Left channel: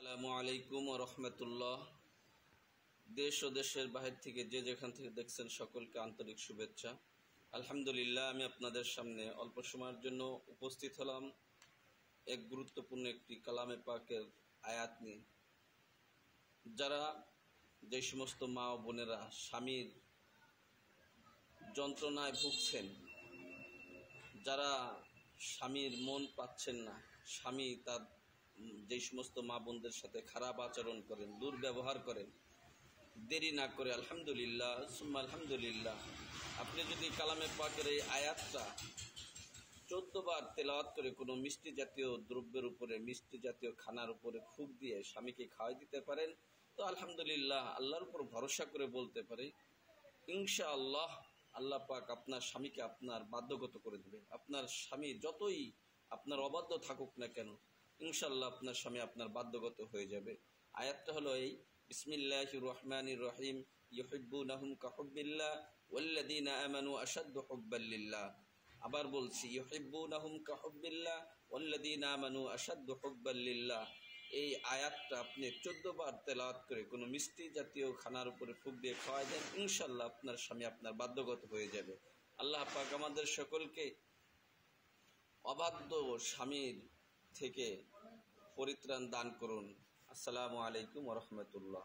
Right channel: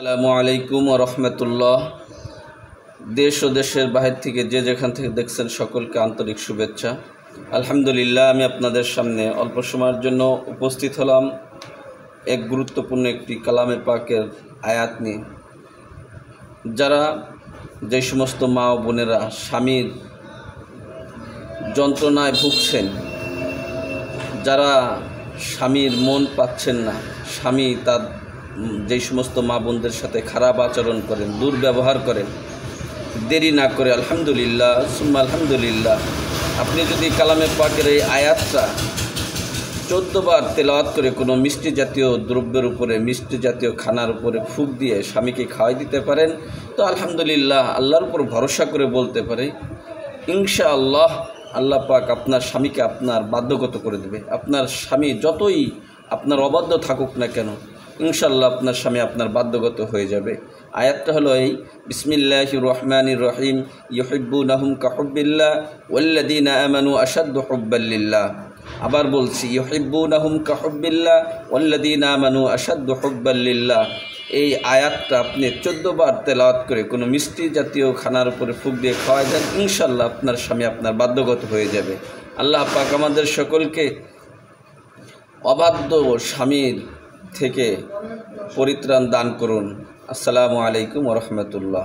আসসালামু আলাইকুম ওয়া রাহমাতুল্লাহ। দেশ ও দেশের বাহির থেকে যে যেখান থেকে দেখছেন সকলকে আন্তরিক শুভেচ্ছা। আলহামদুলিল্লাহ, আমি আপনাদের সামনে অল্প সময়ের জন্য উপস্থিত হলাম এক গুরুত্বপূর্ণ একটি কালামে পাকের আয়াত নিয়ে। যারা যে সমস্ত মা ও বোনেরা স্বামীর যন্ত্রণায় ভুগছেন, যারা স্বামীর মন পাচ্ছেন না, স্বামী তার যেই সমস্ত মা বোনদের সাথে খারাপ আচরণ করেন, দুর্ব্যবহার করেন, দেরি না করে আলহামদুলিল্লাহ সুম্মা আলহামদুলিল্লাহ আপনি যদি কালামে পাকের এই আয়াতটা 14 বার তেলাওয়াত করে কোনো মিষ্টি জাতীয় দ্রব্যের উপরে, মিষ্টি জাতীয় খানার উপরে ফুঁক দিয়ে স্বামীকে খাওয়াই দিতে পারেন, তো আলহামদুলিল্লাহ আল্লাহর উপর ভরসা করে বলতে পারে ইনশাআল্লাহ আল্লাহ পাক আপনার স্বামীকে আপনার বাধ্যগত করে দেবে। আপনার স্বামী যতই আপনার অবাধ্য থাকুক না কেন, ইনশাআল্লাহ আপনার স্বামী আপনার বাধ্যগত হয়ে যাবে। আয়াতটা হলো এই, বিসমিল্লাহির রহমানির রহিম, ইউহিব্বুনাহুম কাহুব্বিল্লাহ ওয়াল্লাযীনা আমানু আশাদ্দু হুব্বাল লিল্লাহ। আবার বলছি, ইউহিব্বুনাহুম কাহুব্বিল্লাহ ওয়াল্লাযীনা আমানু আশাদ্দু হুব্বাল লিল্লাহ। এই আয়াতটা আপনি 14 বার তেলাওয়াত করে কোনো মিষ্টি জাতীয় খানার উপরে ফুঁক দিয়ে খাওয়াই দেন, ইনশাআল্লাহ আপনার স্বামী আপনার বাধ্যগত হয়ে যাবে। আল্লাহ পাক আমাদের সকলকে অবাধ্য স্বামীর থেকে পরিত্রাণ দান করুন। আসসালামু আলাইকুম ওয়া রাহমাতুল্লাহ।